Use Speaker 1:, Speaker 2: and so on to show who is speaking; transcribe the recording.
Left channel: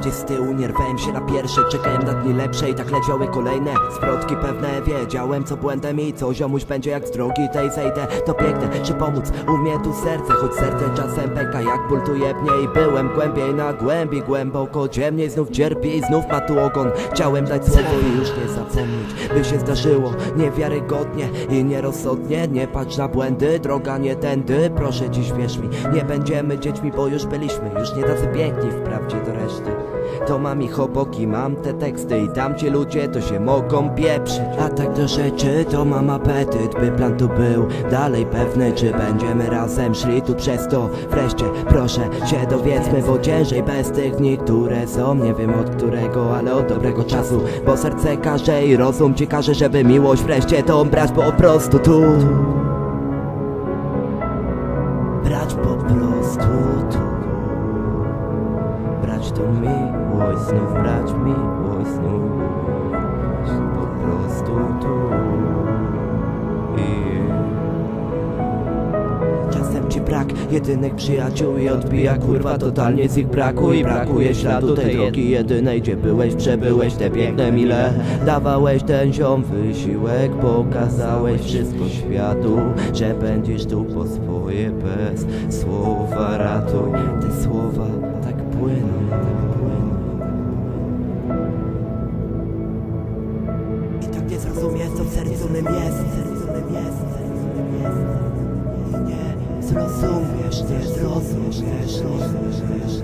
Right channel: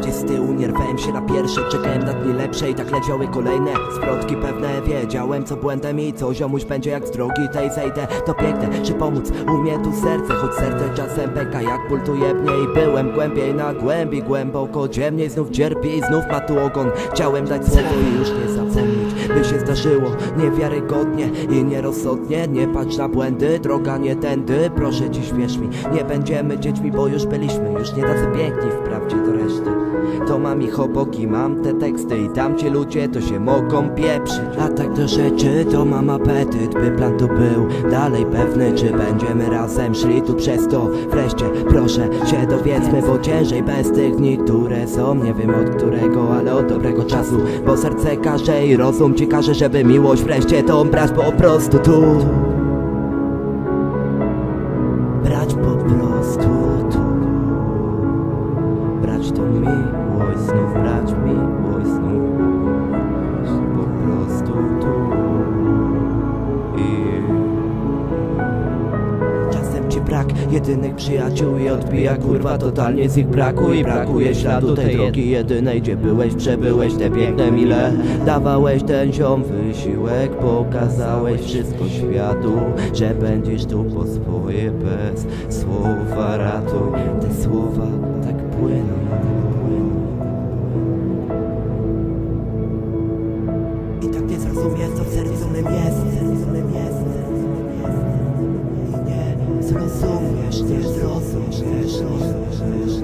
Speaker 1: Gdzieś z tyłu, nie rwałem się na pierwszej Czekałem na dni lepsze i tak leciały kolejne. Zwrotki pewne, wiedziałem co błędem i co Ziomuś będzie jak z drogi tej zejdę. To piękne, że pomóc? Umie tu serce Choć serce czasem pęka jak ból tu jebnie byłem głębiej na głębi, głęboko Ciemniej znów cierpi i znów ma tu ogon. Chciałem dać słowo i już nie zapomnieć By się zdarzyło niewiarygodnie i nierozsądnie. Nie patrz na błędy, droga nie tędy Proszę ci śmiesz mi, nie będziemy dziećmi Bo już byliśmy, już nie tacy piękni Wprawdzie do reszty To mam ich obok i mam te teksty I tamci ludzie to się mogą pieprzyć. A tak do rzeczy to mam apetyt By plan tu był dalej pewny. Czy będziemy razem szli tu przez to Wreszcie? Proszę się dowiedzmy Bo ciężej bez tych dni, które są Nie wiem od którego, ale od dobrego czasu. Bo serce każe i rozum ci każe Żeby miłość wreszcie tą brać po prostu tu. Brać po prostu miłość znów, brać znów Po prostu tu ci brak jedynych przyjaciół i odbija kurwa totalnie z ich braku I brakuje śladu tej drogi jedynej Gdzie byłeś, przebyłeś te piękne mile. Dawałeś ten ziom wysiłek Pokazałeś wszystko światu Że będziesz tu po swoje bez słowa. Ratuj Te słowa tak płyną, I tak nie zrozumiesz co w sercu mym jest. W sercu mym jest I nie zrozumiesz, nie zrozumiesz, nie zrozumiesz